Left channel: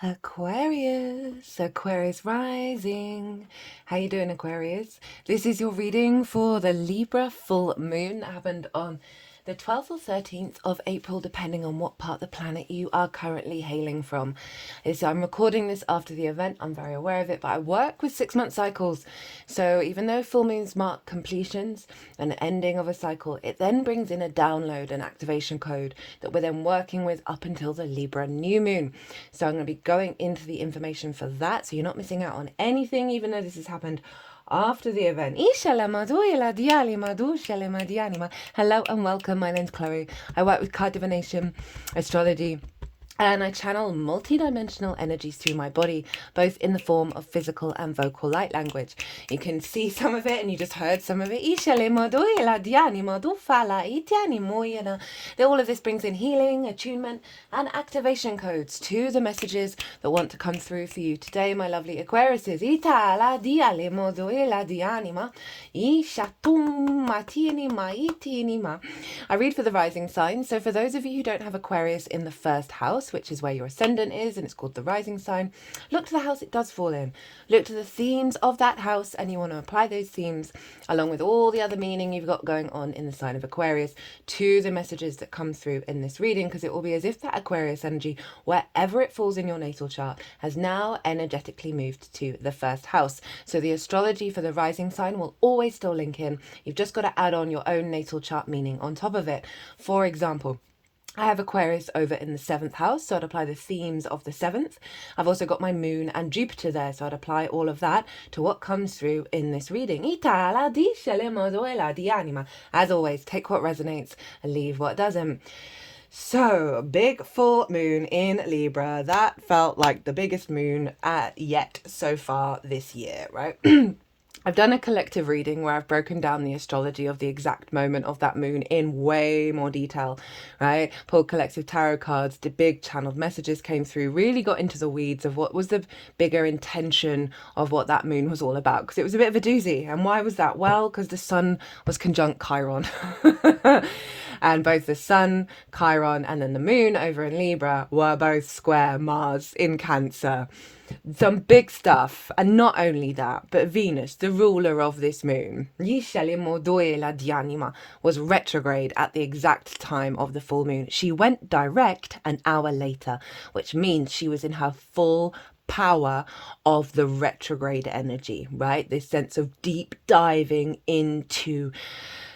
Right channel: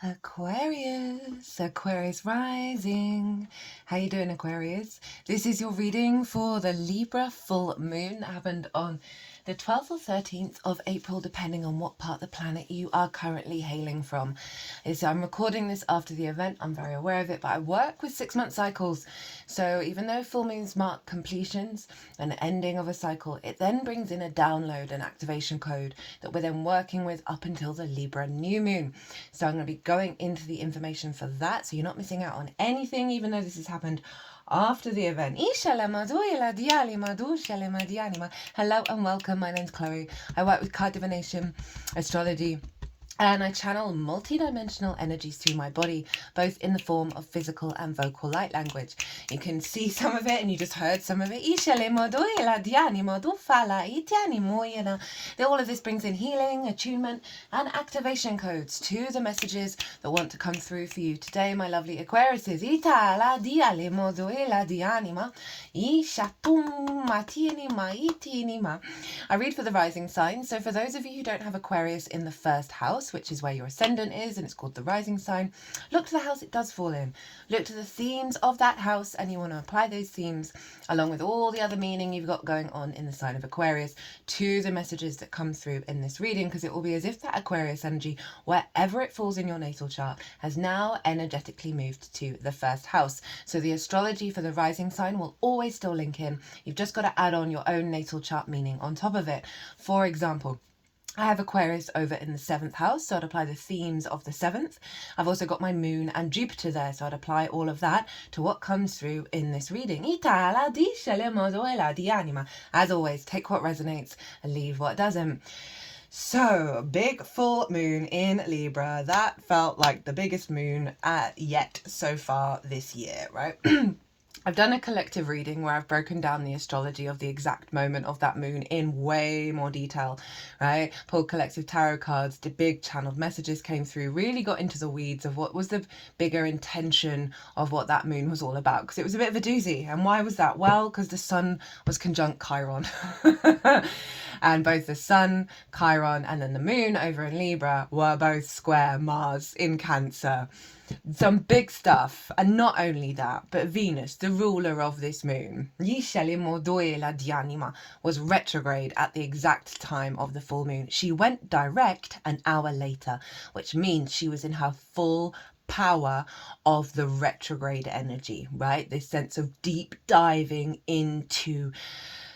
Aquarius rising. How you doing, Aquarius? This is your reading for the Libra full moon that happened on the 12th or 13th of April, depending on what part of the planet you are currently hailing from. I'm recording this after the event. I'm very aware of it, but I work with 6-month cycles. So even though full moons mark completions and ending of a cycle, it then brings in a download and activation code that we're then working with up until the Libra new moon. So I'm going to be going into the information for that, so you're not missing out on anything, even though this has happened after the event. Hello and welcome. My name's Chloe. I work with card divination, astrology, and I channel multi-dimensional energies through my body, both in the form of physical and vocal light language. You can see some of it, and you just heard some of it. All of this brings in healing, attunement, and activation codes to the messages that want to come through for you today, my lovely Aquariuses. I read for the rising sign. So for those of you who don't have Aquarius in the first house, which is where your ascendant is, and it's called the rising sign, look to the house it does fall in. Look to the themes of that house, and you want to apply those themes along with all the other meaning you've got going on in the sign of Aquarius to the messages that come through in this reading, because it will be as if that Aquarius energy, wherever it falls in your natal chart, has now energetically moved to the first house. So the astrology for the rising sign will always still link in. You've just got to add on your own natal chart meaning on top of it. For example, I have Aquarius over in the 7th house, so I'd apply the themes of the 7th. I've also got my moon and Jupiter there, so I'd apply all of that to what comes through in this reading. As always, take what resonates and leave what doesn't. So, big full moon in Libra. That felt like the biggest moon yet so far this year, right? I've done a collective reading where I've broken down the astrology of the exact moment of that moon in way more detail, right? Pulled collective tarot cards, the big channeled messages came through, really got into the weeds of what was the bigger intention of what that moon was all about, because it was a bit of a doozy. And why was that? Well, because the sun was conjunct Chiron. And both the sun, Chiron, and then the moon over in Libra were both square Mars in Cancer. Some big stuff. And not only that, but Venus, the ruler of this moon, was retrograde at the exact time of the full moon. She went direct an hour later, which means she was in her full power of the retrograde energy, right? This sense of deep diving into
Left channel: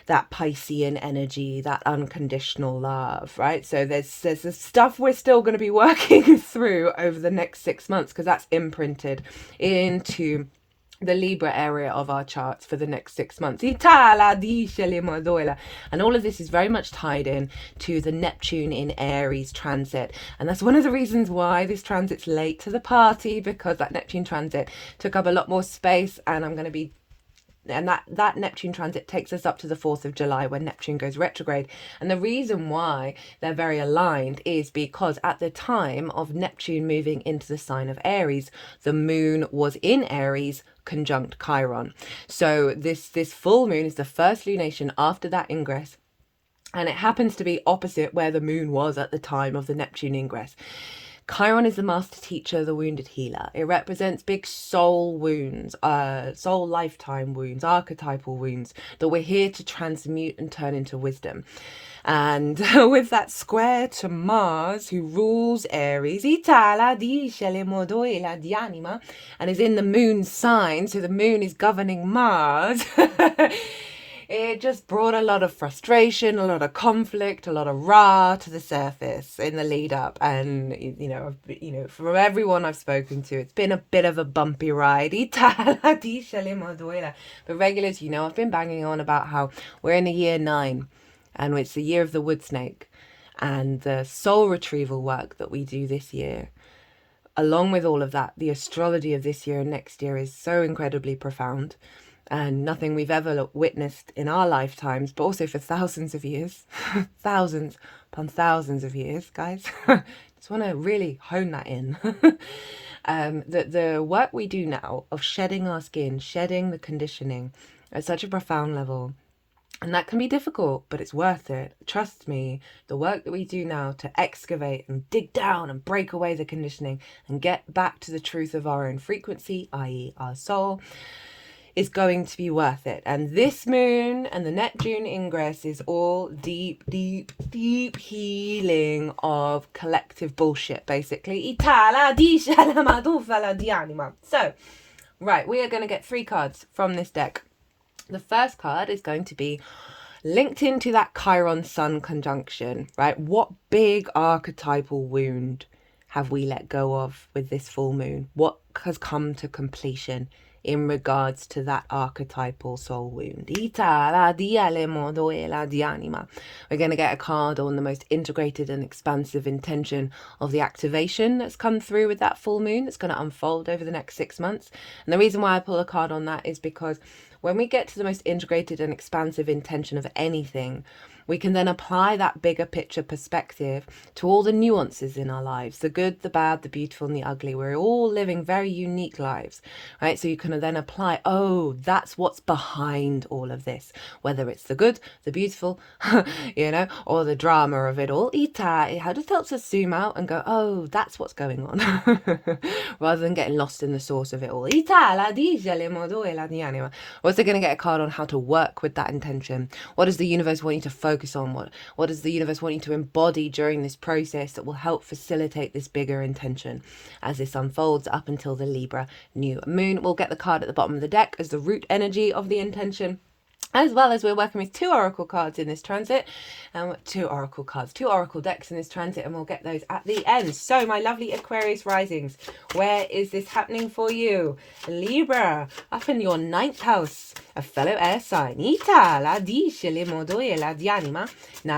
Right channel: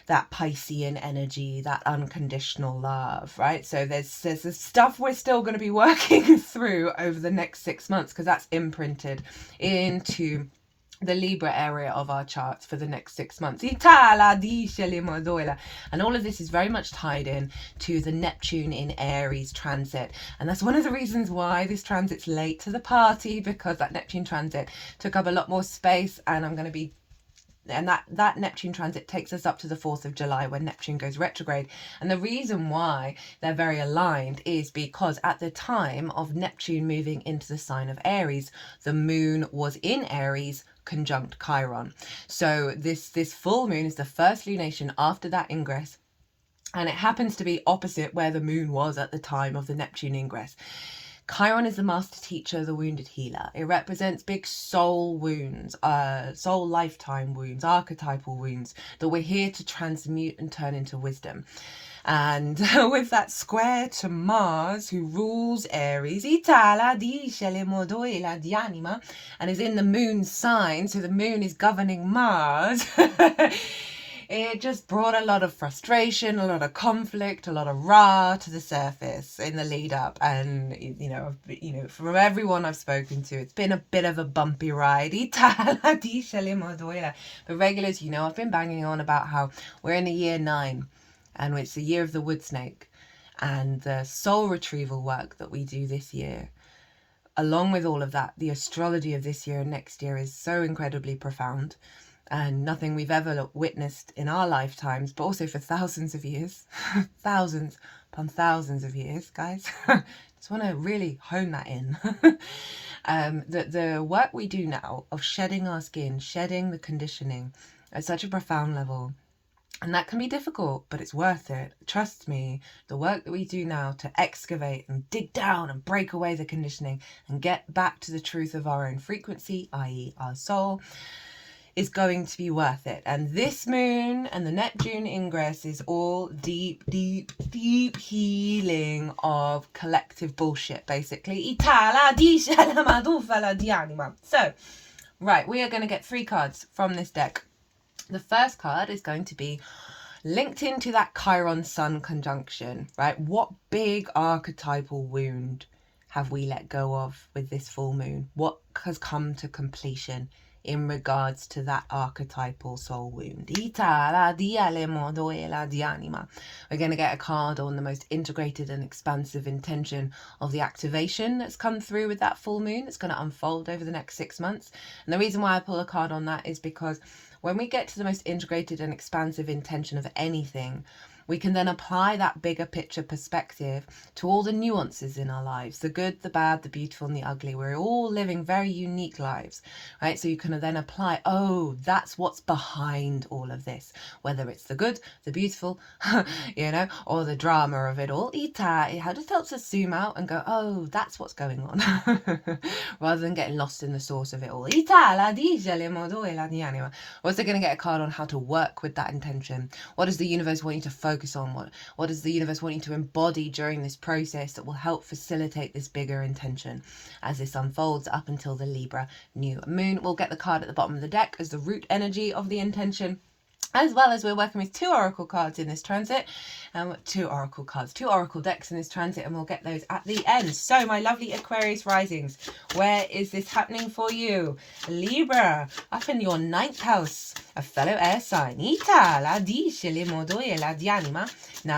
that Piscean energy, that unconditional love, right? So there's stuff we're still going to be working through over the next 6 months, because that's imprinted into the Libra area of our charts for the next 6 months. And all of this is very much tied in to the Neptune in Aries transit. And that's one of the reasons why this transit's late to the party, because that Neptune transit took up a lot more space, and I'm going to be that Neptune transit takes us up to the 4th of July when Neptune goes retrograde. And the reason why they're very aligned is because at the time of Neptune moving into the sign of Aries, the moon was in Aries conjunct Chiron. So this full moon is the first lunation after that ingress, and it happens to be opposite where the moon was at the time of the Neptune ingress. Chiron is the master teacher, the wounded healer. It represents big soul wounds, soul lifetime wounds, archetypal wounds that we're here to transmute and turn into wisdom. And with that square to Mars, who rules Aries, and is in the moon sign, so the moon is governing Mars. It just brought a lot of frustration, a lot of conflict, a lot of rah to the surface in the lead up. And, from everyone I've spoken to, it's been a bit of a bumpy ride. But regulars, I've been banging on about how we're in the year 9, and it's the year of the wood snake, and the soul retrieval work that we do this year. Along with all of that, the astrology of this year and next year is so incredibly profound, and nothing we've ever witnessed in our lifetimes, but also for thousands of years. Thousands upon thousands of years, guys. Just want to really hone that in. The work we do now of shedding our skin, shedding the conditioning at such a profound level, And that can be difficult, but it's worth it. Trust me, the work that we do now to excavate and dig down and break away the conditioning and get back to the truth of our own frequency, i.e. our soul, is going to be worth it. And this moon and the Neptune ingress is all deep, deep, deep healing of collective bullshit, basically. So, right, we are going to get 3 cards from this deck. The first card is going to be linked into that Chiron Sun conjunction, right? What big archetypal wound have we let go of with this full moon? What has come to completion in regards to that archetypal soul wound? We're going to get a card on the most integrated and expansive intention of the activation that's come through with that full moon that's going to unfold over the next 6 months. And the reason why I pull a card on that is because when we get to the most integrated and expansive intention of anything, we can then apply that bigger picture perspective to all the nuances in our lives, the good, the bad, the beautiful, and the ugly. We're all living very unique lives, right? So you can then apply, oh, that's what's behind all of this, whether it's the good, the beautiful, or the drama of it all. It just helps us zoom out and go, oh, that's what's going on, rather than getting lost in the source of it all. Also going to get a card on how to work with that intention. What does the universe want you to focus on? What does the universe want you to embody during this process that will help facilitate this bigger intention as this unfolds up until the Libra new moon? We'll get the card at the bottom of the deck as the root energy of the intention, as well as we're working with 2 oracle cards in this transit, and 2 oracle decks in this transit, and we'll get those at the end. So my lovely Aquarius risings, where is this happening for you? Libra, up in your 9th house, a fellow air sign. Now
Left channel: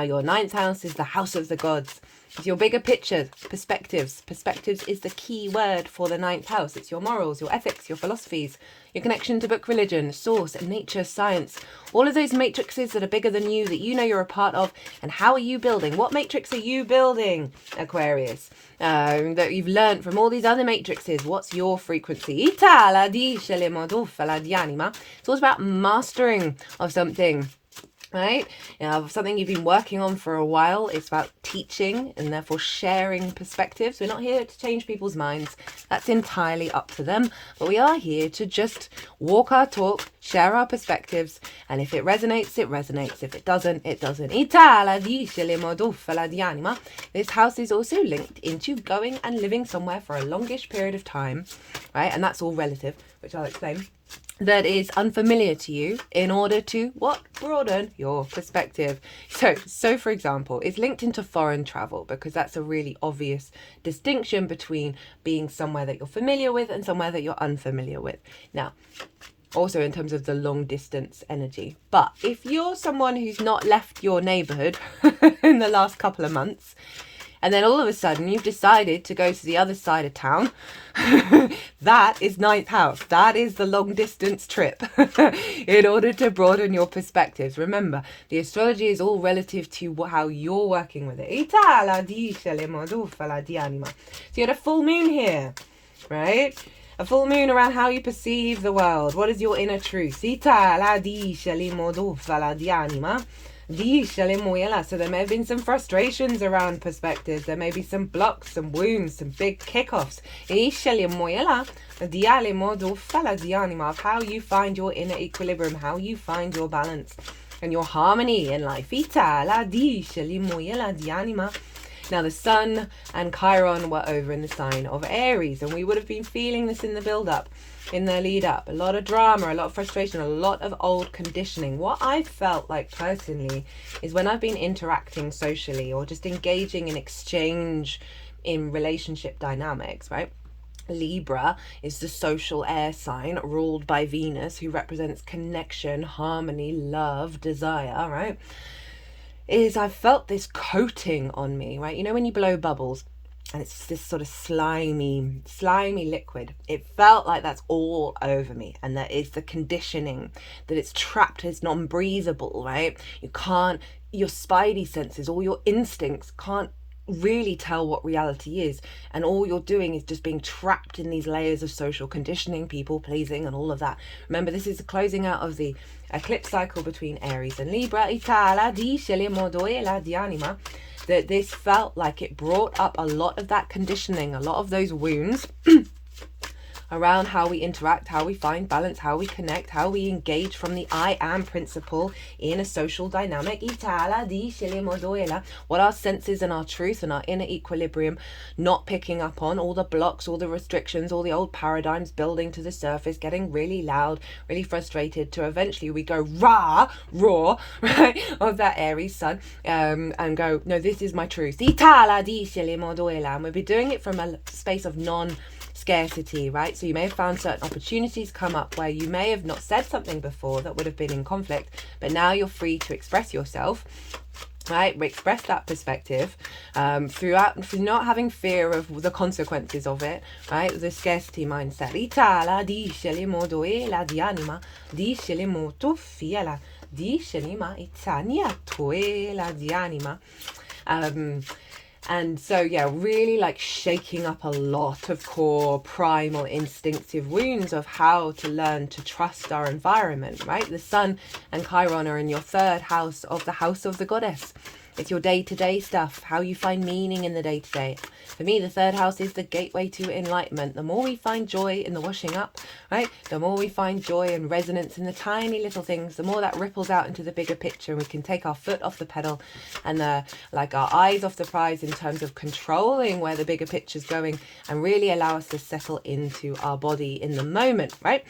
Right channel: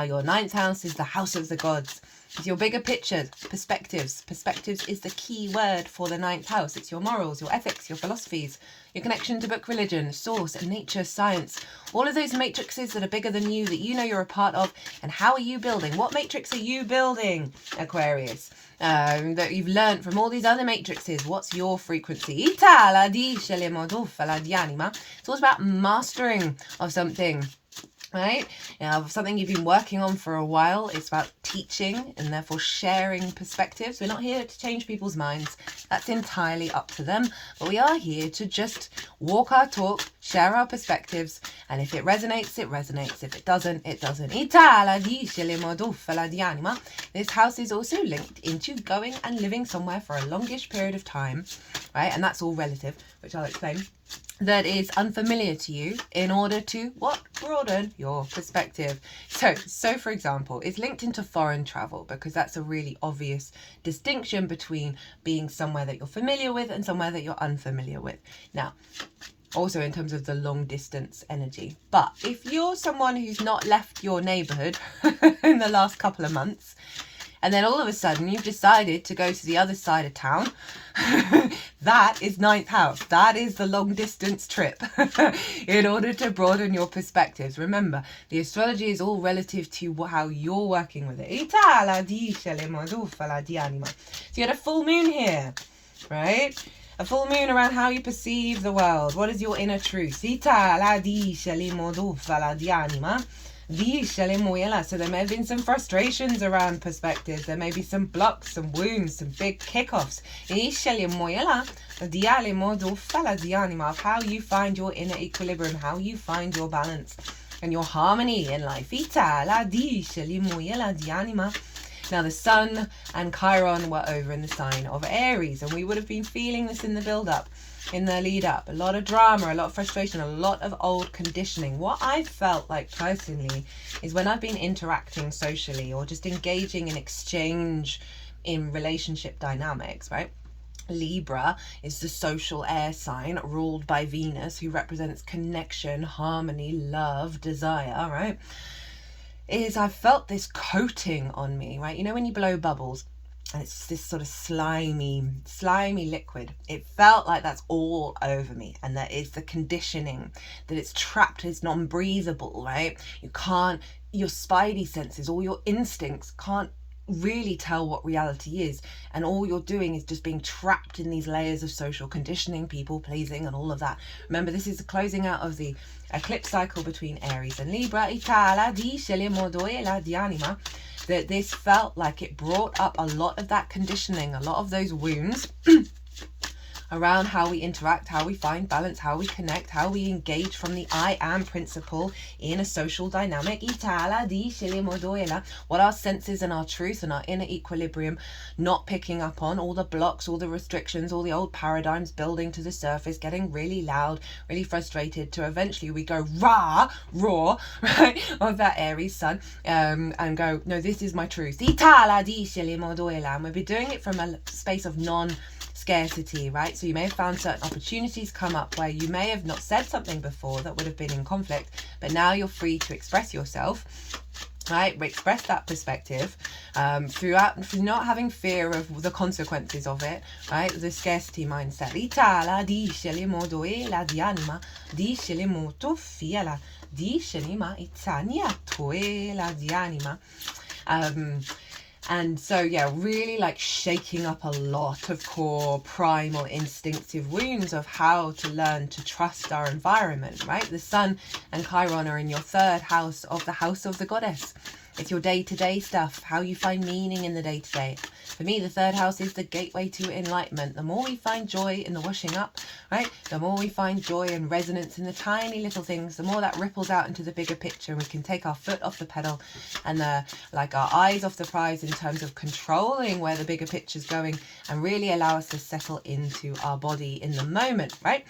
your 9th house is the house of the gods. It's your bigger picture, perspectives. Perspectives is the key word for the 9th house. It's your morals, your ethics, your philosophies, your connection to book, religion, source, nature, science. All of those matrices that are bigger than you, that you know you're a part of. And how are you building? What matrix are you building, Aquarius? That you've learned from all these other matrices. What's your frequency? It's all about mastering of something. Right? Something you've been working on for a while. It's about teaching and therefore sharing perspectives. We're not here to change people's minds. That's entirely up to them. But we are here to just walk our talk, share our perspectives. And if it resonates, it resonates. If it doesn't, it doesn't. This house is also linked into going and living somewhere for a longish period of time. Right? And that's all relative, which I'll explain. That is unfamiliar to you, in order to broaden your perspective. So for example, it's linked into foreign travel, because that's a really obvious distinction between being somewhere that you're familiar with and somewhere that you're unfamiliar with. Now, also in terms of the long distance energy. But if you're someone who's not left your neighborhood in the last couple of months, and then all of a sudden you've decided to go to the other side of town, that is 9th house. That is the long distance trip in order to broaden your perspectives. Remember, the astrology is all relative to how you're working with it. So you had a full moon here, right? A full moon around how you perceive the world. What is your inner truth? So there may have been some frustrations around perspectives. There may be some blocks, some wounds, some big kickoffs. Of how you find your inner equilibrium, how you find your balance and your harmony in life. Now the sun and Chiron were over in the sign of Aries, and we would have been feeling this in the build-up, in the lead-up. A lot of drama, a lot of frustration, a lot of old conditioning. What I felt like personally is when I've been interacting socially or just engaging in exchange in relationship dynamics, right? Libra is the social air sign ruled by Venus, who represents connection, harmony, love, desire, right? I've felt this coating on me, right? You know when you blow bubbles and it's this sort of slimy liquid. It felt like that's all over me, and that is the conditioning, that it's trapped, it's non-breathable, right? Your spidey senses, all your instincts can't really tell what reality is, and all you're doing is just being trapped in these layers of social conditioning, people pleasing, and all of that. Remember, this is the closing out of the eclipse cycle between Aries and Libra. That this felt like it brought up a lot of that conditioning, a lot of those wounds around how we interact, how we find balance, how we connect, how we engage from the I am principle in a social dynamic. What our senses and our truth and our inner equilibrium not picking up on, all the blocks, all the restrictions, all the old paradigms building to the surface, getting really loud, really frustrated, to eventually we go raw, right, of that Aries sun, and go, no, this is my truth. And we'll be doing it from a space of scarcity, right? So you may have found certain opportunities come up where you may have not said something before that would have been in conflict, but now you're free to express yourself, right? Express that perspective through not having fear of the consequences of it, right? The scarcity mindset. And so, yeah, really like shaking up a lot of core primal instinctive wounds of how to learn to trust our environment, right? The sun and Chiron are in your third house of the goddess. It's your day-to-day stuff, how you find meaning in the day-to-day. For me, the third house is the gateway to enlightenment. The more we find joy in the washing up, right? The more we find joy and resonance in the tiny little things, the more that ripples out into the bigger picture, and we can take our foot off the pedal and our eyes off the prize in terms of controlling where the bigger picture's going, and really allow us to settle into our body in the moment, right?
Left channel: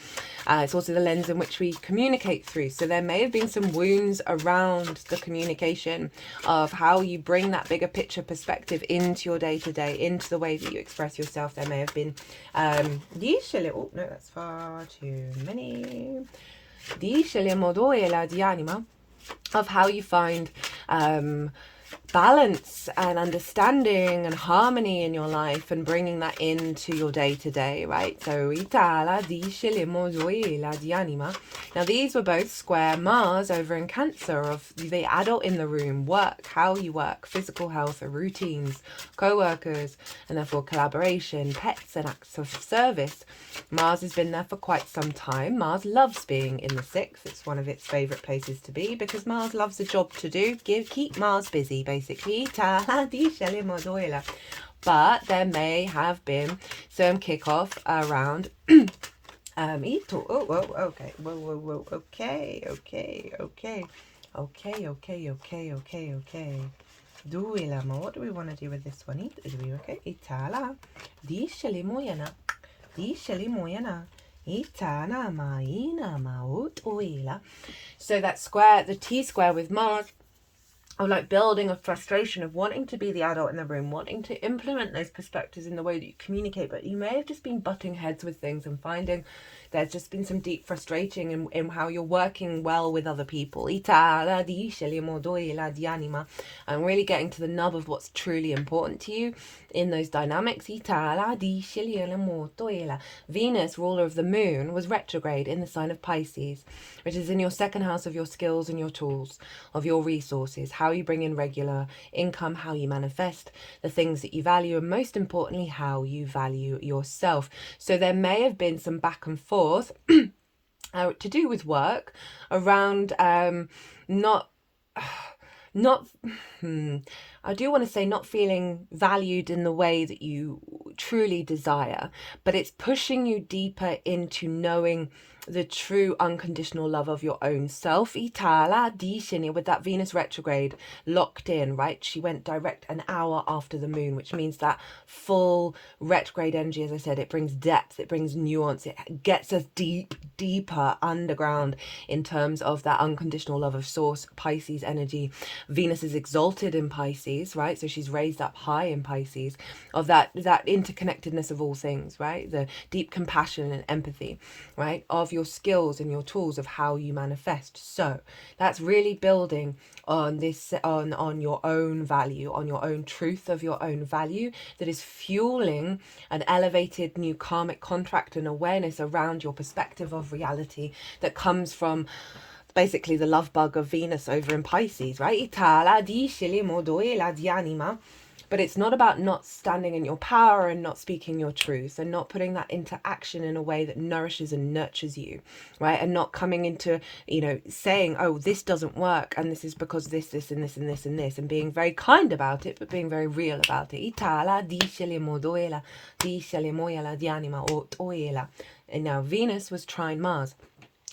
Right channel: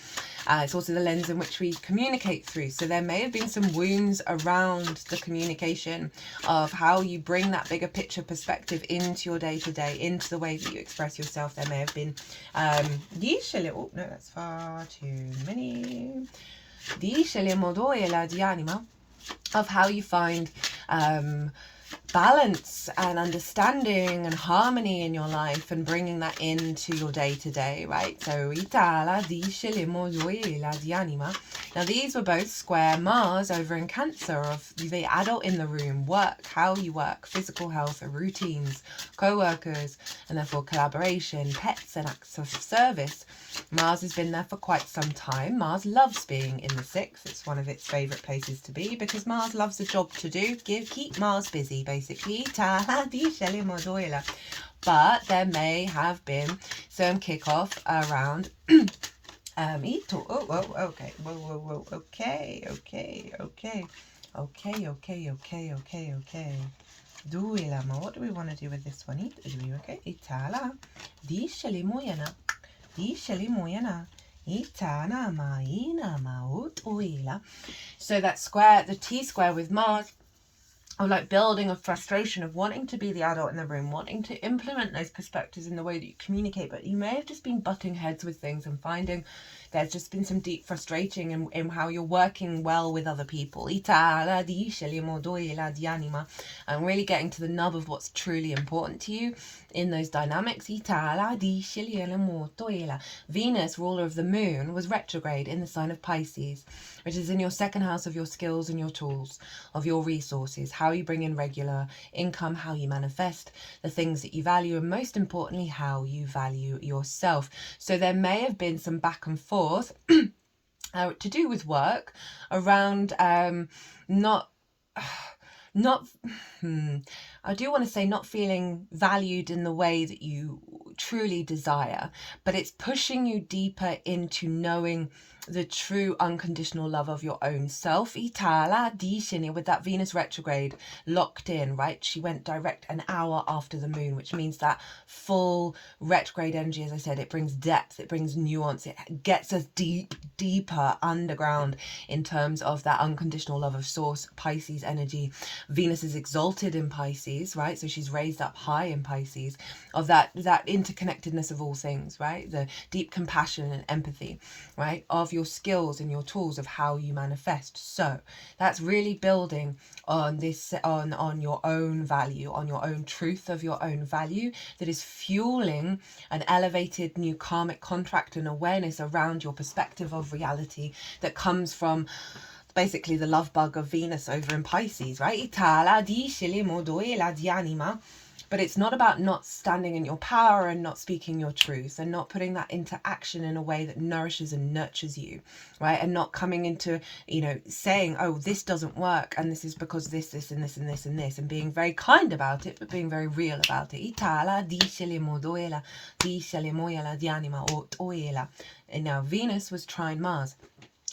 It's also the lens in which we communicate through. So there may have been some wounds around the communication of how you bring that bigger picture perspective into your day-to-day, into the way that you express yourself. There may have been oh no, that's far too many, of how you find balance and understanding and harmony in your life, and bringing that into your day-to-day, right? So now these were both square Mars over in Cancer, of the adult in the room, work, how you work, physical health, routines, co-workers, and therefore collaboration, pets, and acts of service. Mars has been there for quite some time. Mars loves being in the 6th. It's one of its favorite places to be, because Mars loves a job to do. Keep Mars busy, basically. But there may have been some kickoff around okay. What do we want to do with this one? So that square, the T-square with Mars, or like building a frustration of wanting to be the adult in the room, wanting to implement those perspectives in the way that you communicate, but you may have just been butting heads with things and finding there's just been some deep frustrating in how you're working well with other people. And really getting to the nub of what's truly important to you in those dynamics. Venus, ruler of the moon, was retrograde in the sign of Pisces, which is in your second house of your skills and your tools, of your resources, how you bring in regular income, how you manifest the things that you value, and most importantly, how you value yourself. So there may have been some back and forth to do with work around not I do want to say not feeling valued in the way that you truly desire, but it's pushing you deeper into knowing the true unconditional love of your own self. With that Venus retrograde locked in, right? She went direct an hour after the moon, which means that full retrograde energy, as I said, it brings depth, it brings nuance, it gets us deeper underground in terms of that unconditional love of source, Pisces energy. Venus is exalted in Pisces, right? So she's raised up high in Pisces, of that interconnectedness of all things, right? The deep compassion and empathy, right? Of your skills and your tools of how you manifest. So that's really building on this, on your own value, on your own truth of your own value, that is fueling an elevated new karmic contract and awareness around your perspective of reality that comes from basically the love bug of Venus over in Pisces, right? But it's not about not standing in your power and not speaking your truth and not putting that into action in a way that nourishes and nurtures you, right? And not coming into, saying, oh, this doesn't work and this is because this, and this, and this, and this, and being very kind about it, but being very real about it. And now Venus was trine Mars.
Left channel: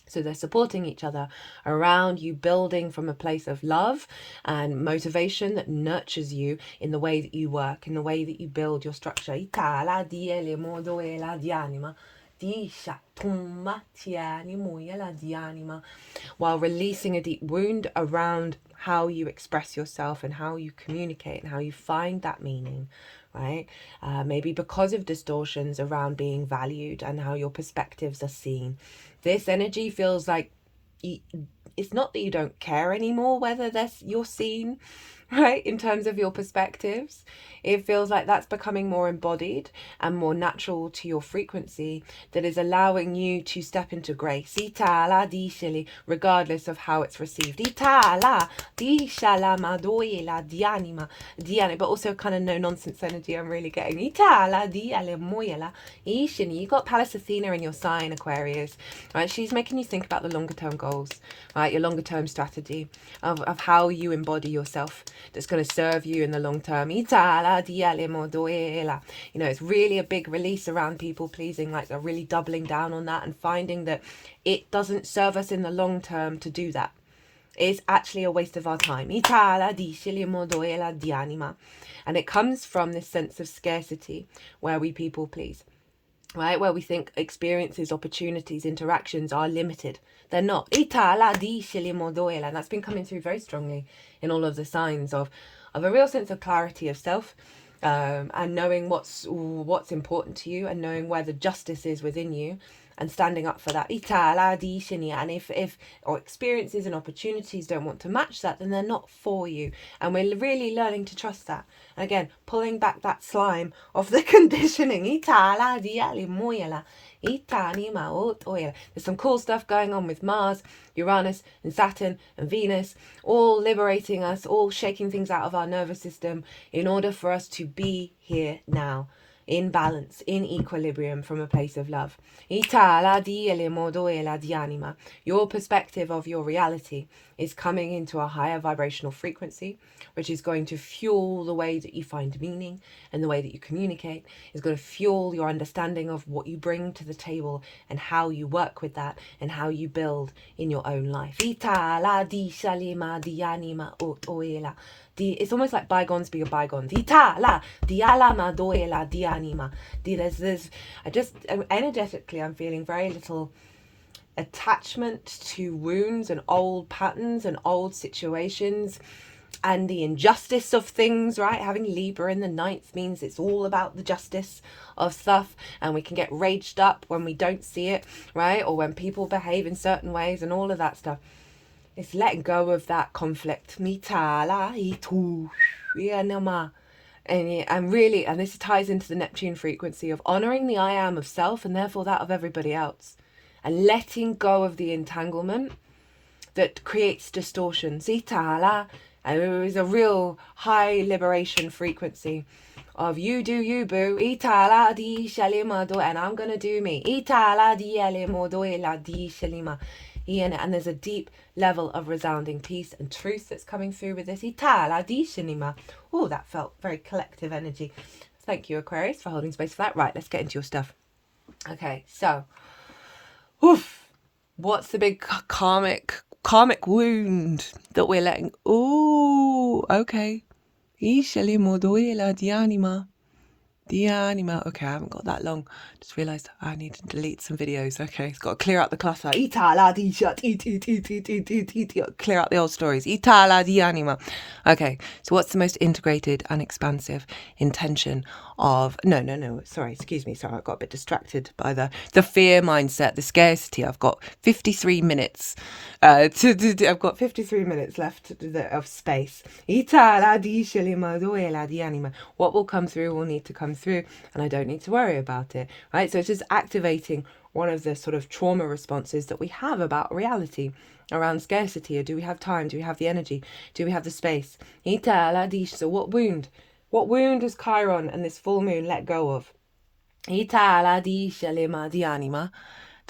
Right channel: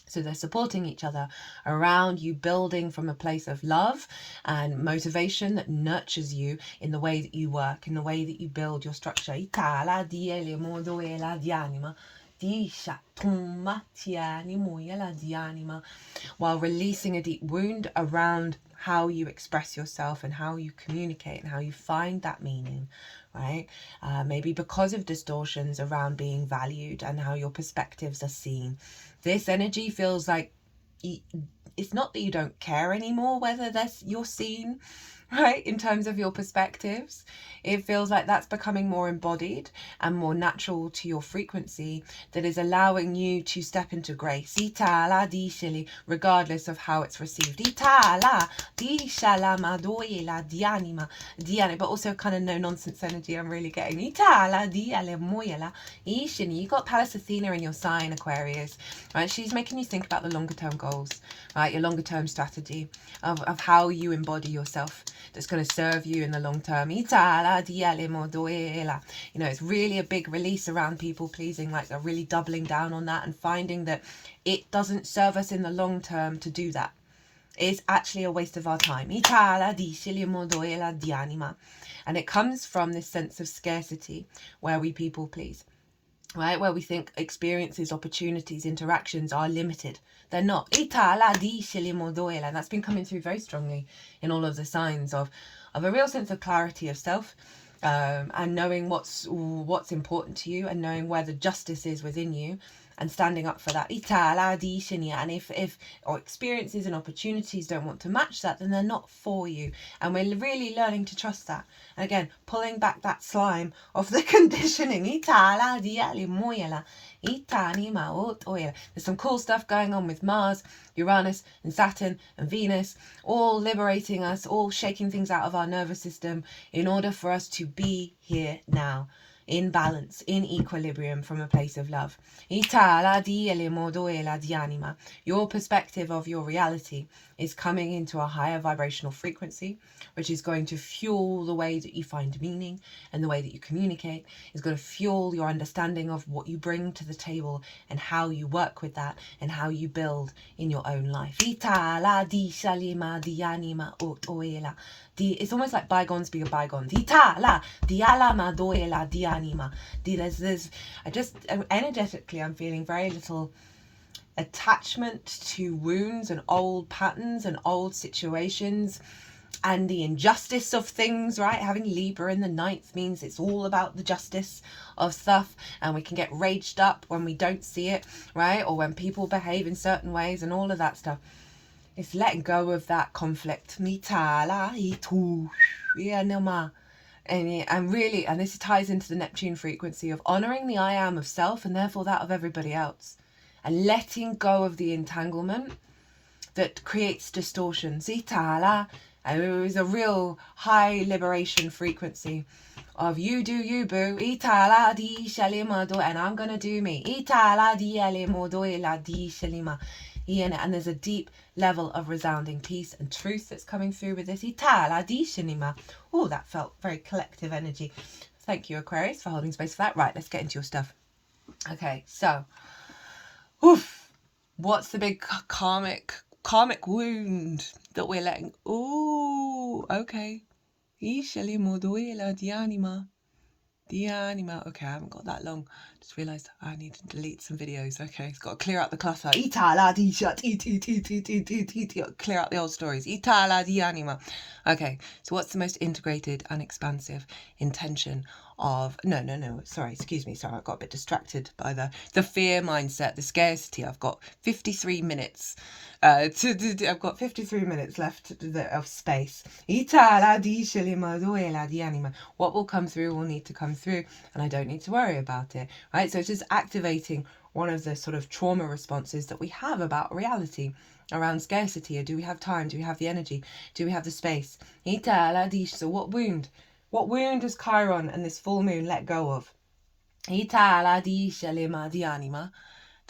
So they're supporting each other around you, building from a place of love and motivation that nurtures you in the way that you work, in the way that you build your structure. While releasing a deep wound around how you express yourself and how you communicate and how you find that meaning, right? Maybe because of distortions around being valued and how your perspectives are seen. This energy feels like it's not that you don't care anymore whether you're seen, right, in terms of your perspectives. It feels like that's becoming more embodied and more natural to your frequency, that is allowing you to step into grace, regardless of how it's received. But also kind of no nonsense energy I'm really getting. You got Pallas Athena in your sign, Aquarius, right? She's making you think about the longer term goals, right? Your longer term strategy of how you embody yourself that's going to serve you in the long term. It's really a big release around people pleasing, like they're really doubling down on that and finding that it doesn't serve us in the long term to do that. It's actually a waste of our time. And it comes from this sense of scarcity where we people please, right? Where we think experiences, opportunities, interactions are limited. They're not. And that's been coming through very strongly in all of the signs of a real sense of clarity of self, and knowing what's important to you and knowing where the justice is within you and standing up for that. And if or experiences and opportunities don't want to match that, then they're not for you. And we're really learning to trust that. And again, pulling back that slime of the conditioning. There's some cool stuff going on with Mars, Uranus and Saturn and Venus, all liberating us, all shaking things out of our nervous system in order for us to be here now, in balance, in equilibrium, from a place of love. Your perspective of your reality is coming into a higher vibrational frequency, which is going to fuel the way that you find meaning, and the way that you communicate is going to fuel your understanding of what you bring to the table and how you work with that and how you build in your own life. It's almost like bygones be a bygones. Energetically, I'm feeling very little attachment to wounds and old patterns and old situations and the injustice of things, right? Having Libra in the 9th means it's all about the justice of stuff, and we can get raged up when we don't see it, right? Or when people behave in certain ways and all of that stuff. It's letting go of that conflict. And really, and this ties into the Neptune frequency of honoring the I am of self and therefore that of everybody else, and letting go of the entanglement that creates distortions. And it is a real high liberation frequency of you do you, boo, and I'm gonna do me. And there's a deep level of resounding peace and truth that's coming through with this. Oh, that felt very collective energy. Thank you, Aquarius, for holding space for that. Right, let's get into your stuff. Okay, so, what's the big karmic wound that we're letting? Oh, okay. Okay, I haven't got that long. Just realised I need to delete some videos. Okay, it's got to clear out the clutter. Clear out the old stories. Okay, so what's the most integrated and expansive intention of... No, sorry, excuse me. Sorry, I got a bit distracted by the fear mindset, the scarcity. I've got 53 minutes I've got 53 minutes left of space. What will come through will need to come through, and I don't need to worry about it, right? So it's just activating one of the sort of trauma responses that we have about reality around scarcity. Or do we have time? Do we have the energy? Do we have the space? So what wound What wound does Chiron and this full moon let go of? The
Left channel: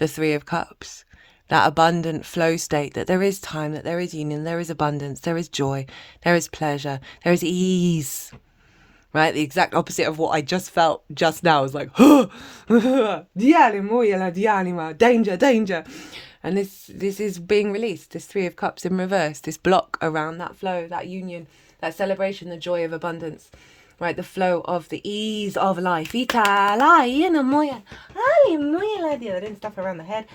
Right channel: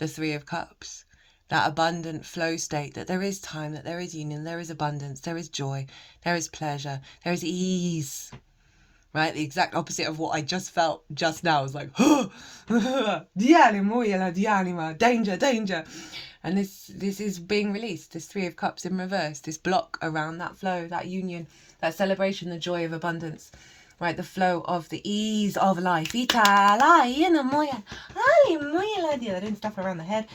Three of Cups. That abundant flow state, that there is time, that there is union, there is abundance, there is joy, there is pleasure, there is ease. Right? The exact opposite of what I just felt just now is like, danger, danger. And this is being released, this Three of Cups in reverse, this block around that flow, that union, that celebration, the joy of abundance. Right, the flow of the ease of life. I didn't stuff around the head.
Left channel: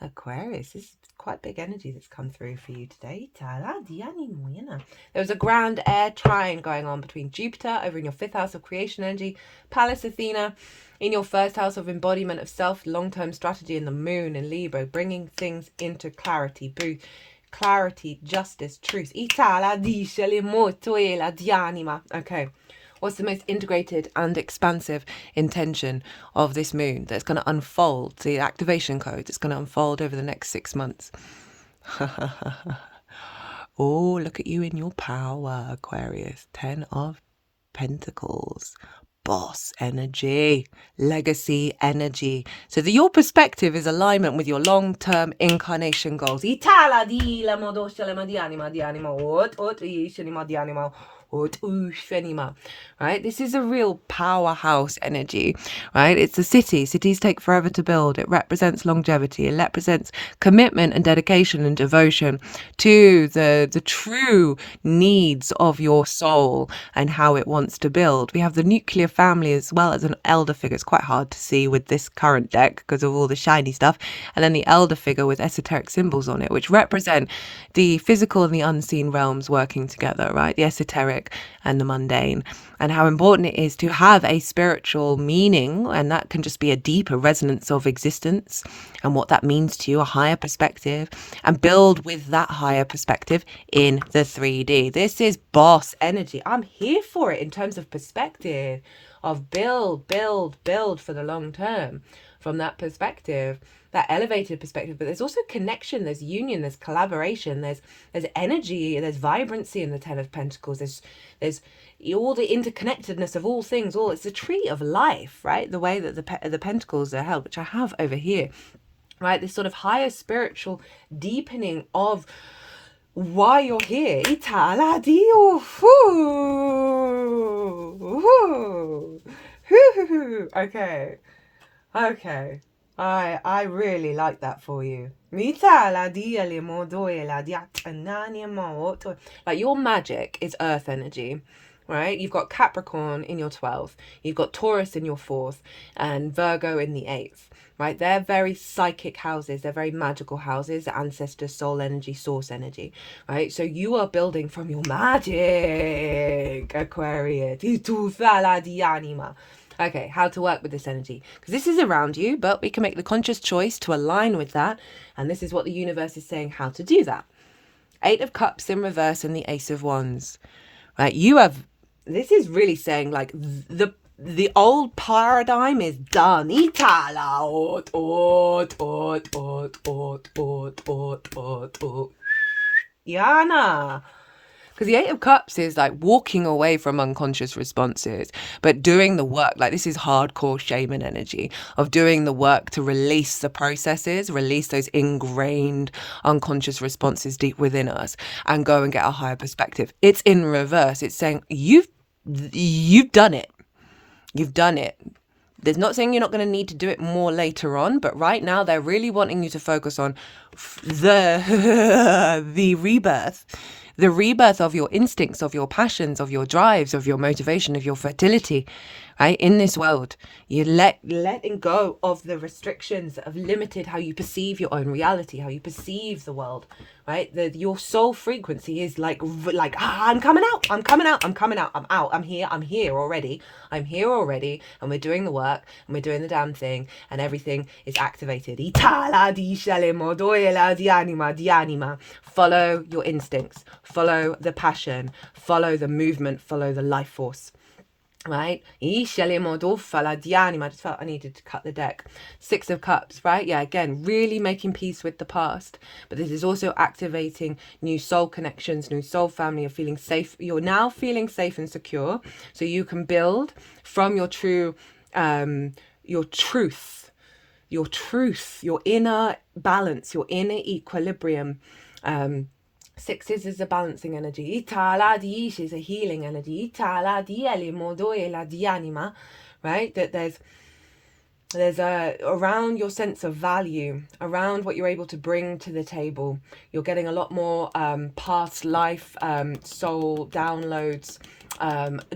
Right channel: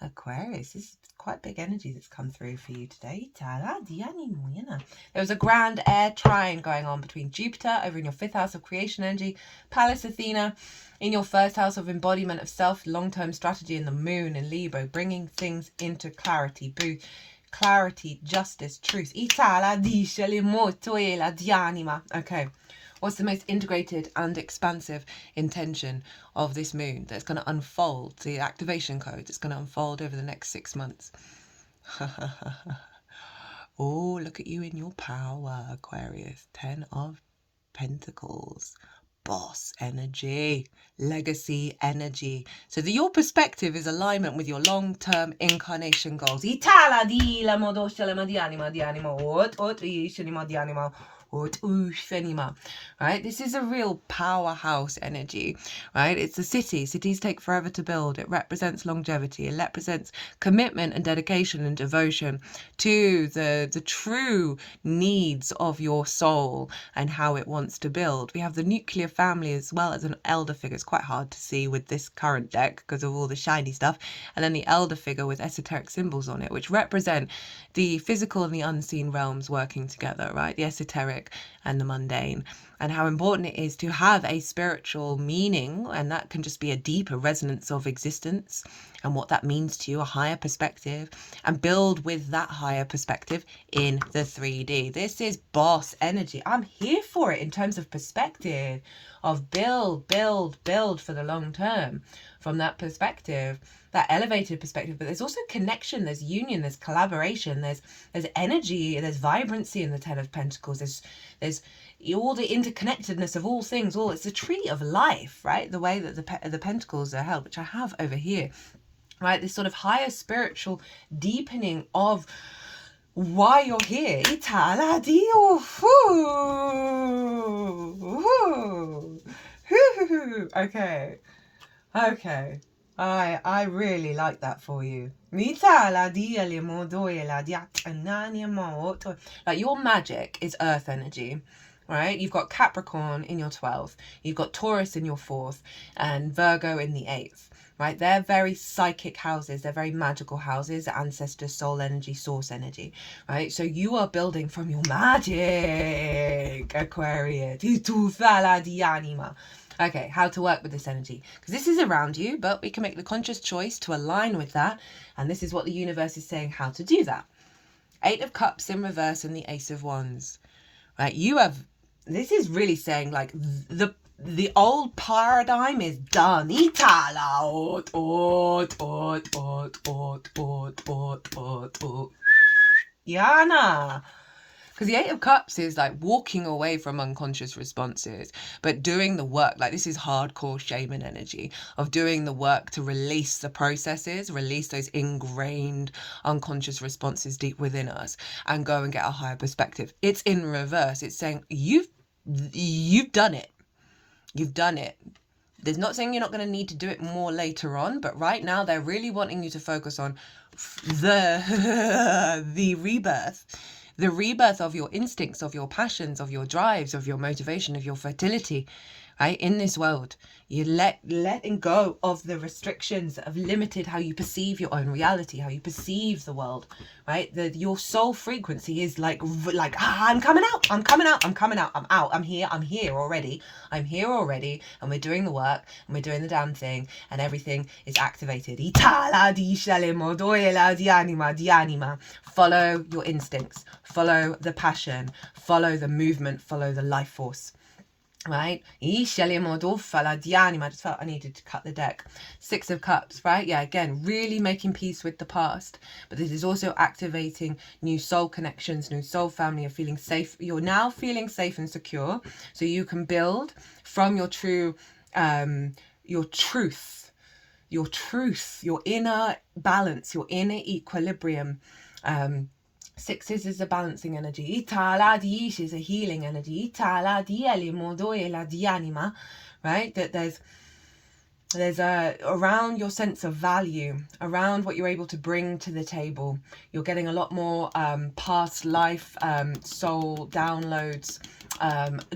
Aquarius, this is quite big energy that's come through for you today. There was a grand air trine going on between Jupiter over in your 5th house of creation energy, Pallas Athena in your 1st house of embodiment of self, long-term strategy, and the moon in Libra, bringing things into clarity. Clarity, justice, truth. Okay. What's the most integrated and expansive intention of this moon that's going to unfold? The activation code that's going to unfold over the next 6 months. Oh, look at you in your power, Aquarius. 10 of Pentacles. Boss energy, legacy energy. So your perspective is alignment with your long-term incarnation goals. Right? This is a real powerhouse energy, right? It's a city. Cities take forever to build. It represents longevity. It represents commitment and dedication and devotion to the true needs of your soul and how it wants to build. We have the nuclear family as well as an elder figure. It's quite hard to see with this current deck because of all the shiny stuff. And then the elder figure with esoteric symbols on it, which represent the physical and the unseen realms working together, right? The esoteric and the mundane, and how important it is to have a spiritual meaning, and that can just be a deeper resonance of existence and what that means to you, a higher perspective, and build with that higher perspective in the 3D. This is boss energy. I'm here for it in terms of perspective of build for the long term from that perspective, that elevated perspective. But there's also connection, there's union, there's collaboration, there's energy, there's vibrancy in the 10 of Pentacles. There's all the interconnectedness of all things. It's a tree of life, right? The way that the pentacles are held, which I have over here, right? This sort of higher spiritual deepening of why you're here. Okay. I really like that for you. Like your magic is earth energy, right? You've got Capricorn in your 12th, you've got Taurus in your 4th, and Virgo in the 8th, right? They're very psychic houses, they're very magical houses, ancestor, soul energy, source energy, right? So you are building from your magic, Aquarius. Okay, how to work with this energy, because this is around you, but we can make the conscious choice to align with that, and this is what the universe is saying how to do that. 8 of Cups in reverse and the Ace of Wands, right? This is really saying like the old paradigm is done. Yana. Because the 8 of Cups is like walking away from unconscious responses, but doing the work. Like this is hardcore shaman energy of doing the work to release the processes, release those ingrained unconscious responses deep within us, and go and get a higher perspective. It's in reverse. It's saying you've done it. You've done it. There's not saying you're not going to need to do it more later on, but right now they're really wanting you to focus on the rebirth. The rebirth of your instincts, of your passions, of your drives, of your motivation, of your fertility, right? In this world, you letting go of the restrictions that have limited how you perceive your own reality, how you perceive the world, right? Your soul frequency is like I'm coming out, I'm out, I'm here already, and we're doing the work, and we're doing the damn thing, and everything is activated. Follow your instincts, follow the passion, follow the movement, follow the life force. right? I just felt I needed to cut the deck. 6 of Cups, right? Yeah, again, really making peace with the past. But this is also activating new soul connections, new soul family. You're feeling safe. You're now feeling safe and secure. So you can build from your true, your truth, your inner balance, your inner equilibrium. Sixes is a balancing energy. Itala diish is a healing energy. Itala dieli modoe la dianima, right? That there's a around your sense of value, around what you're able to bring to the table. You're getting a lot more past life soul downloads,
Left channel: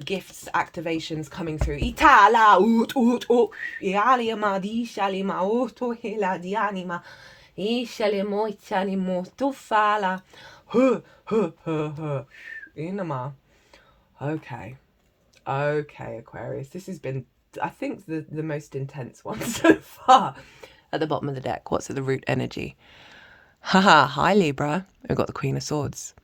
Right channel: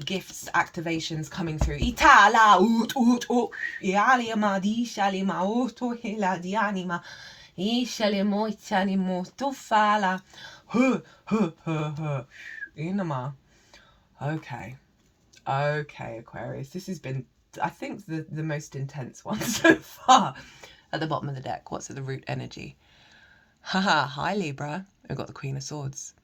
gifts, activations coming through. Itala ut ut ut iali amadi shali ma oto hela dianima. Ishali moitani motufala. Inama. Okay, Aquarius. This has been, I think, the most intense one so far. At the bottom of the deck, what's at the root energy? Haha, hi Libra. We've got the Queen of Swords.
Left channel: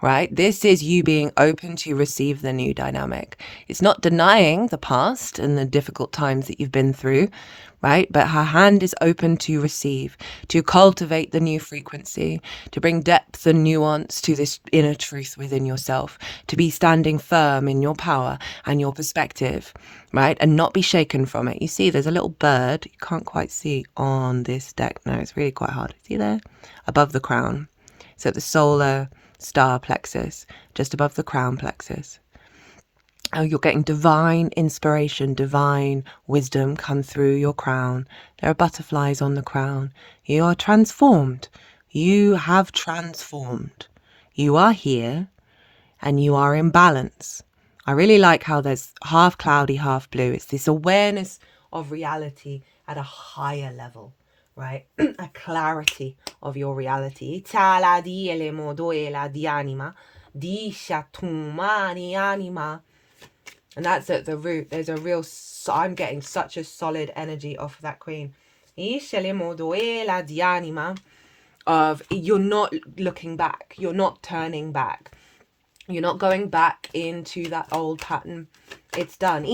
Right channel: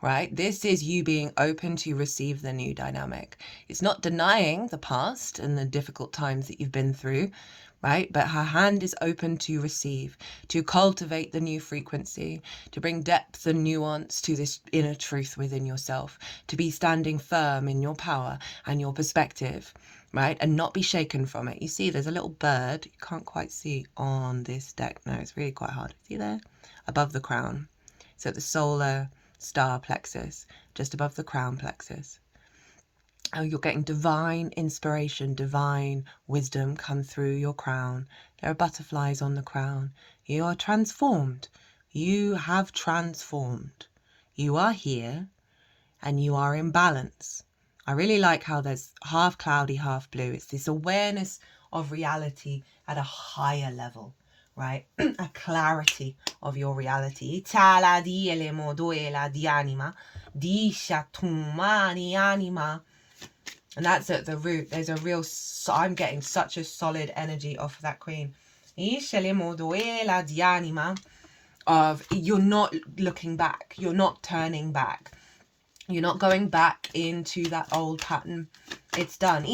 Right? This is you being open to receive the new dynamic. It's not denying the past and the difficult times that you've been through, right? But her hand is open to receive, to cultivate the new frequency, to bring depth and nuance to this inner truth within yourself, to be standing firm in your power and your perspective, right? And not be shaken from it. You see, there's a little bird you can't quite see on this deck. No, it's really quite hard. See there? Above the crown. So the solar star plexus, just above the crown plexus. Oh, you're getting divine inspiration, divine wisdom come through your crown. There are butterflies on the crown. You are transformed. You have transformed. You are here and you are in balance. I really like how there's half cloudy, half blue. It's this awareness of reality at a higher level, right? A clarity of your reality. And that's at the root. There's a real, I'm getting such a solid energy off of that Queen. Of you're not looking back. You're not turning back. You're not going back into that old pattern. It's done.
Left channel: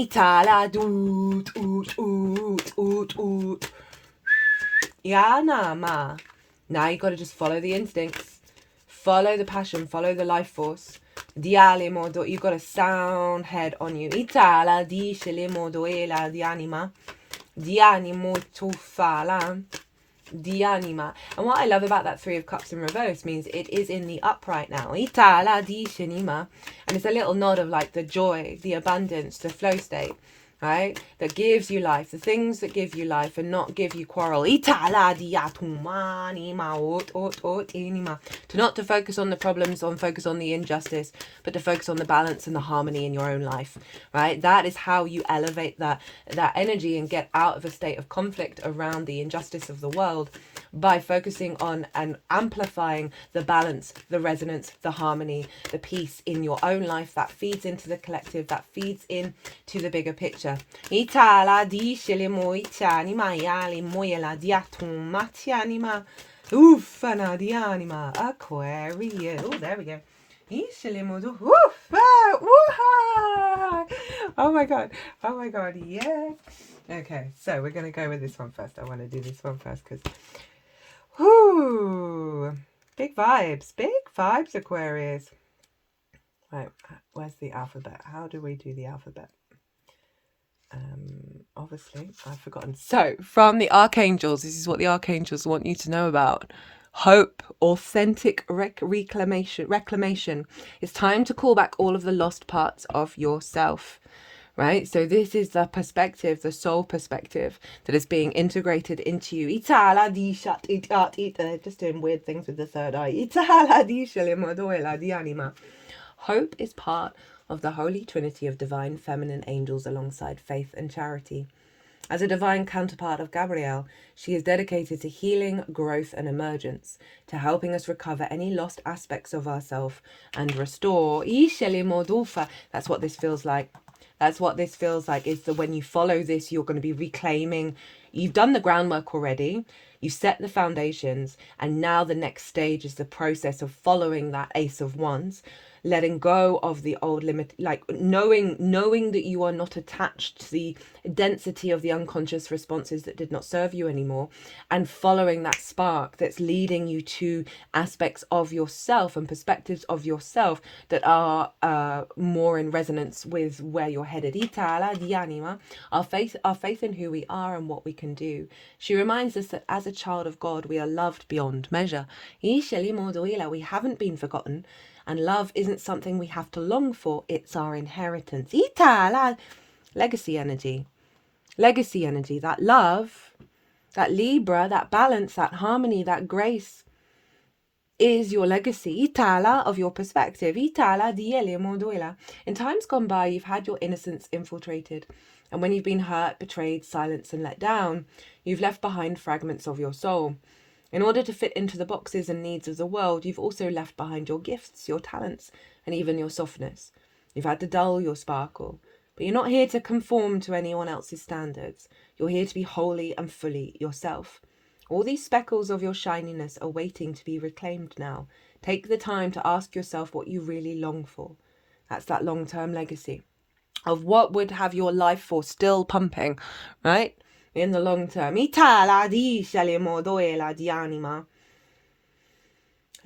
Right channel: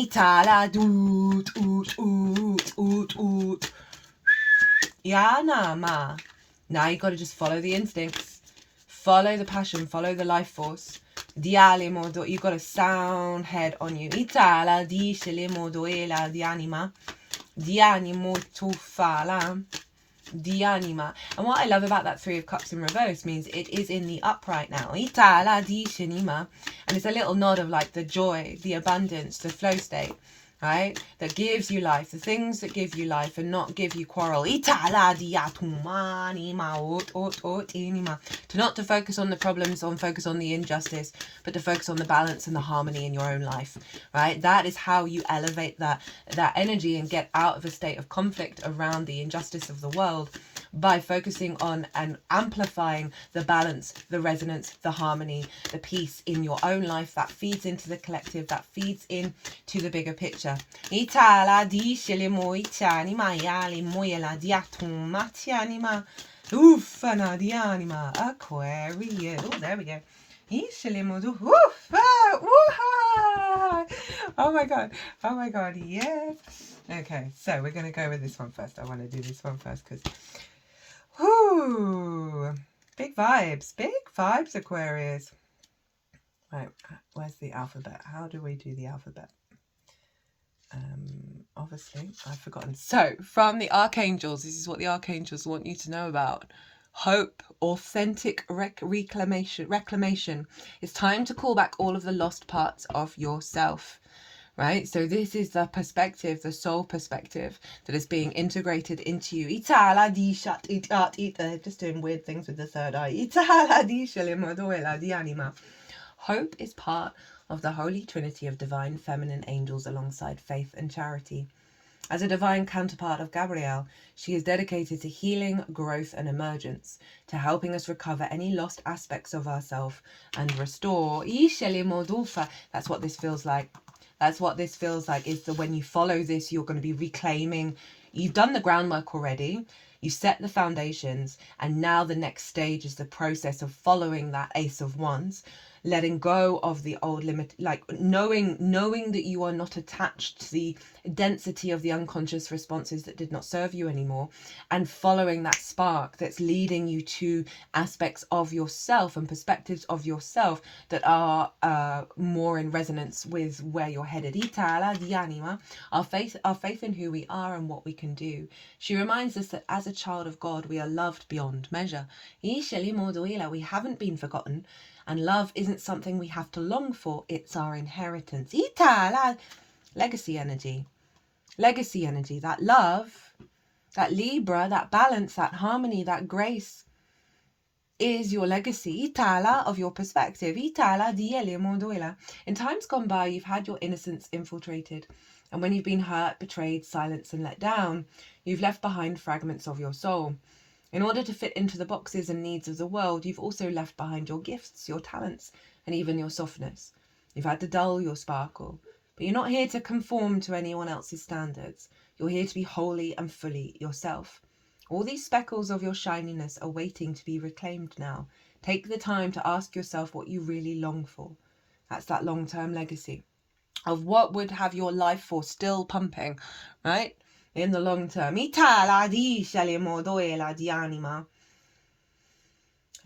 Now you got to just follow the instincts. Follow the passion. Follow the life force. You've got a sound head on you. Itala di modoela di anima. Di animo tufala. Di anima. And what I love about that 3 of Cups in reverse means it is in the upright now. Itala di shinima. And it's a little nod of like the joy, the abundance, the flow state. Right? That gives you life. The things that give you life and not give you quarrel. To not to focus on the problems, focus on the injustice, but to focus on the balance and the harmony in your own life. Right? That is how you elevate that energy and get out of a state of conflict around the injustice of the world, by focusing on and amplifying the balance, the resonance, the harmony, the peace in your own life that feeds into the collective, that feeds into the bigger picture. Itala di shelimo itanima yali moyela diatum matianima ufana di anima Aquarius. Oh, there we go. Oh my god, yeah. Okay, so we're going to go with this one first. I want to do this one first because big vibes, Aquarius. Right, where's the alphabet? How do we do the alphabet? Obviously I've forgotten. So from the Archangels, this is what the Archangels want you to know about. Hope, authentic reclamation. It's time to call back all of the lost parts of yourself, right? So this is the perspective, the soul perspective that is being integrated into you. Just doing weird things with the third eye. Hope is part of the Holy Trinity of divine feminine angels alongside faith and charity. As a divine counterpart of Gabrielle, she is dedicated to healing, growth and emergence, to helping us recover any lost aspects of ourselves and restore. That's what this feels like. That's what this feels like, is that when you follow this, you're going to be reclaiming. You've done the groundwork already. You set the foundations. And now the next stage is the process of following that Ace of Wands. letting go of the old limit, like knowing that you are not attached to the density of the unconscious responses that did not serve you anymore, and following that spark that's leading you to aspects of yourself and perspectives of yourself that are more in resonance with where you're headed. Itala di anima, our faith in who we are and what we can do. She reminds us that as a child of God, we are loved beyond measure. We haven't been forgotten, and love isn't something we have to long for, it's our inheritance. Legacy energy. Legacy energy, that love, that Libra, that balance, that harmony, that grace is your legacy. Itala of your perspective. Itala diele moduela. In times gone by, you've had your innocence infiltrated. And when you've been hurt, betrayed, silenced, and let down, you've left behind fragments of your soul. In order to fit into the boxes and needs of the world, you've also left behind your gifts, your talents, and even your softness. You've had to dull your sparkle. But you're not here to conform to anyone else's standards. You're here to be wholly and fully yourself. All these speckles of your shininess are waiting to be reclaimed now. Take the time to ask yourself what you really long for. That's that long-term legacy of what would have your life force still pumping, right? In the long term.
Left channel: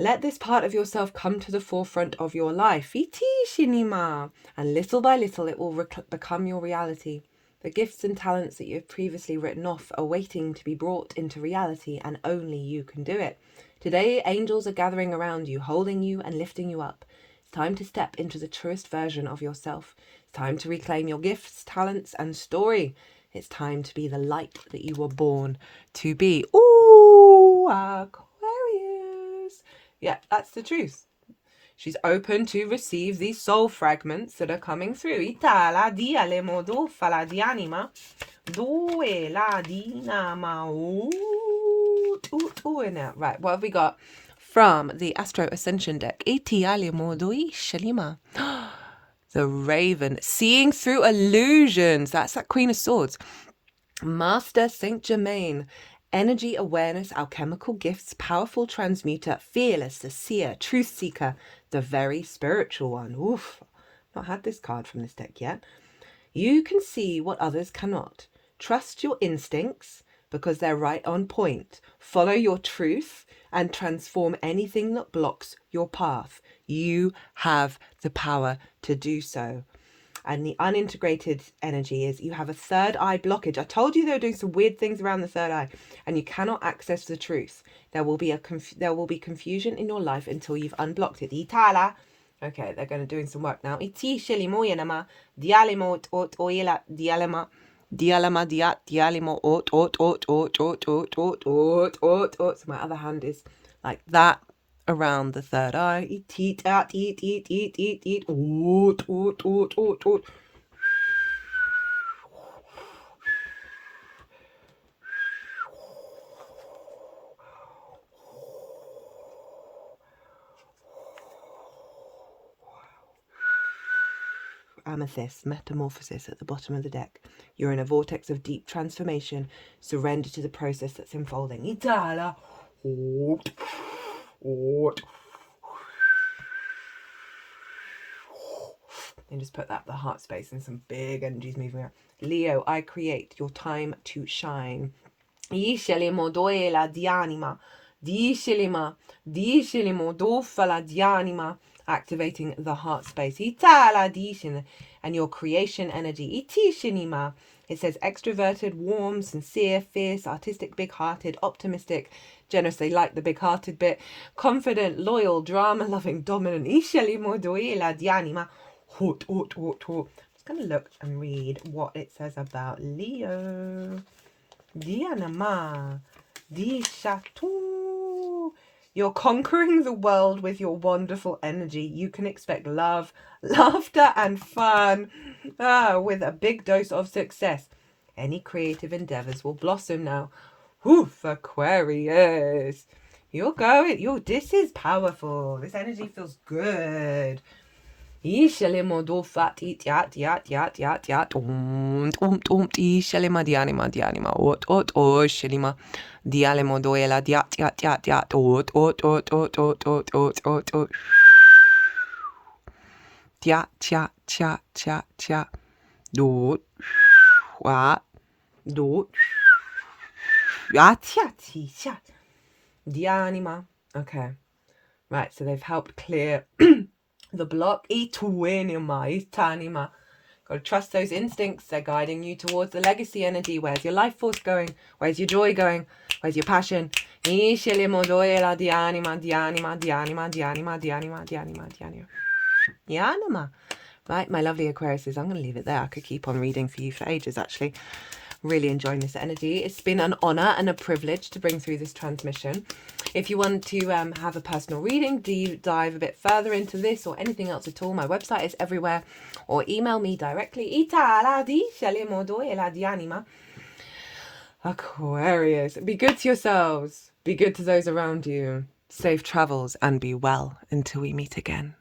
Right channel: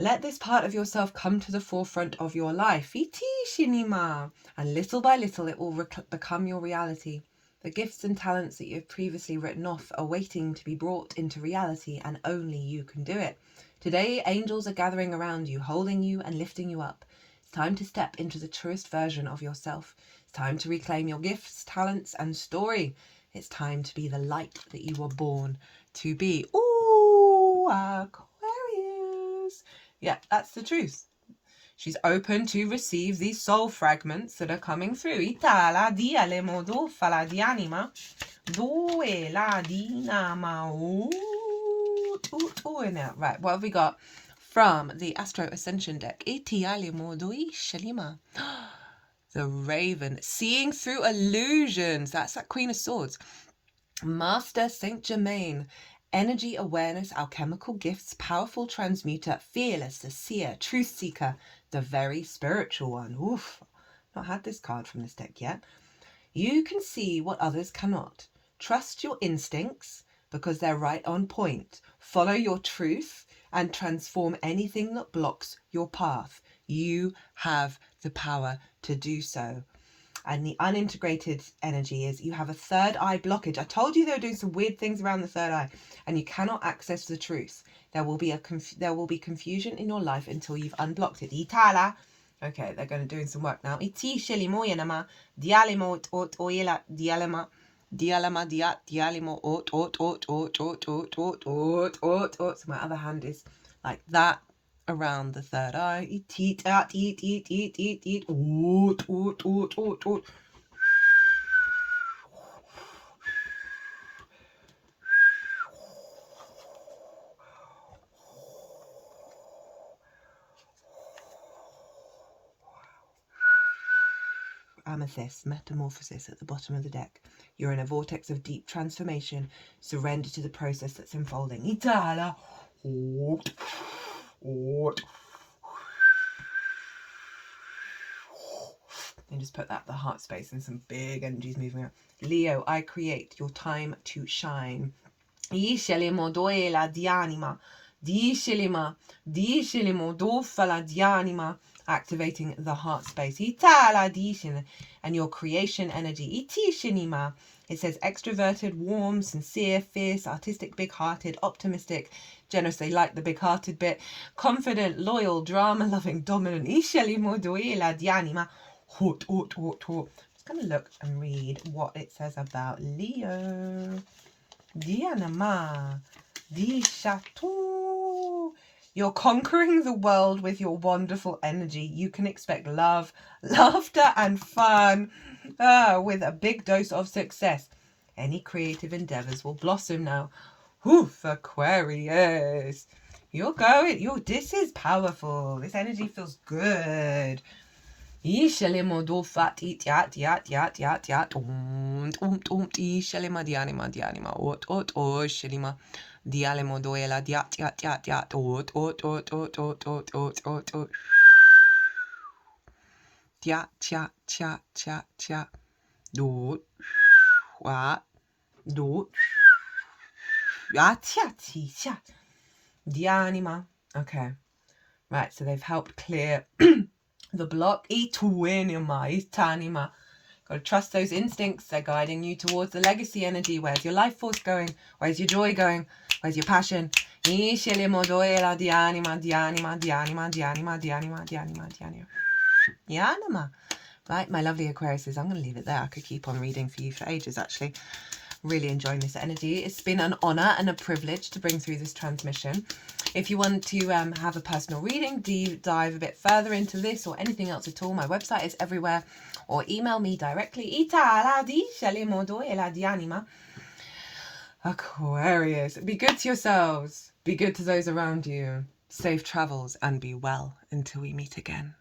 Let this part of yourself come to the forefront of your life. And little by little, it will become your reality. The gifts and talents that you've previously written off are waiting to be brought into reality, and only you can do it. Today, angels are gathering around you, holding you and lifting you up. It's time to step into the truest version of yourself. It's time to reclaim your gifts, talents, and story. It's time to be the light that you were born to be. Ooh, Aquarius. Yeah, that's the truth. She's open to receive these soul fragments that are coming through. Itala diale modo fala di anima. Due la dinama. Right, what have we got from the Astro Ascension deck? Itiale modo shalima. The Raven, seeing through illusions. That's that Queen of Swords. Master Saint Germain, energy awareness, alchemical gifts, powerful transmuter, fearless, the seer, truth seeker, the very spiritual one. Oof, not had this card from this deck yet. You can see what others cannot. Trust your instincts because they're right on point. Follow your truth and transform anything that blocks your path. You have the power to do so. And the unintegrated energy is you have a third eye blockage. I told you they were doing some weird things around the third eye, and you cannot access the truth. There will be confusion in your life until you've unblocked it. Itala. Okay, they're going to doing some work now. Iti shelimoyanama dialimo ot oyela dialema dialema diat dialimo ot. So my other hand is like that. Around the third eye. Eat. Amethyst, metamorphosis at the bottom of the deck. You're in a vortex of deep transformation. Surrender to the process that's unfolding. Itala. And just put that the heart space and some big energies moving around. Leo, I create your time to shine. Activating the heart space. And your creation energy. It says extroverted, warm, sincere, fierce, artistic, big-hearted, optimistic, generous. They like the big-hearted bit. Confident, loyal, drama-loving, dominant. I'm just going to look and read what it says about Leo. Dianama. Di Chateau. You're conquering the world with your wonderful energy. You can expect love, laughter, and fun with a big dose of success. Any creative endeavors will blossom now. Oof, Aquarius. You're going. This is powerful. This energy feels good. tia, tia, tia, tia, tia. Do, wa, do, ya, tia, tia. Dianima. Okay. Right, so they've helped clear the block. Itanima. Got to trust those instincts. They're guiding you towards the legacy energy. Where's your life force going? Where's your joy going? Where's your passion? Right, my lovely Aquariuses, I'm going to leave it there. I could keep on reading for you for ages, actually. Really enjoying this energy. It's been an honor and a privilege to bring through this transmission. If you want to have a personal reading, dive a bit further into this or anything else at all, my website is everywhere, or email me directly. Aquarius, be good to yourselves, be good to those around you, safe travels, and be well until we meet again.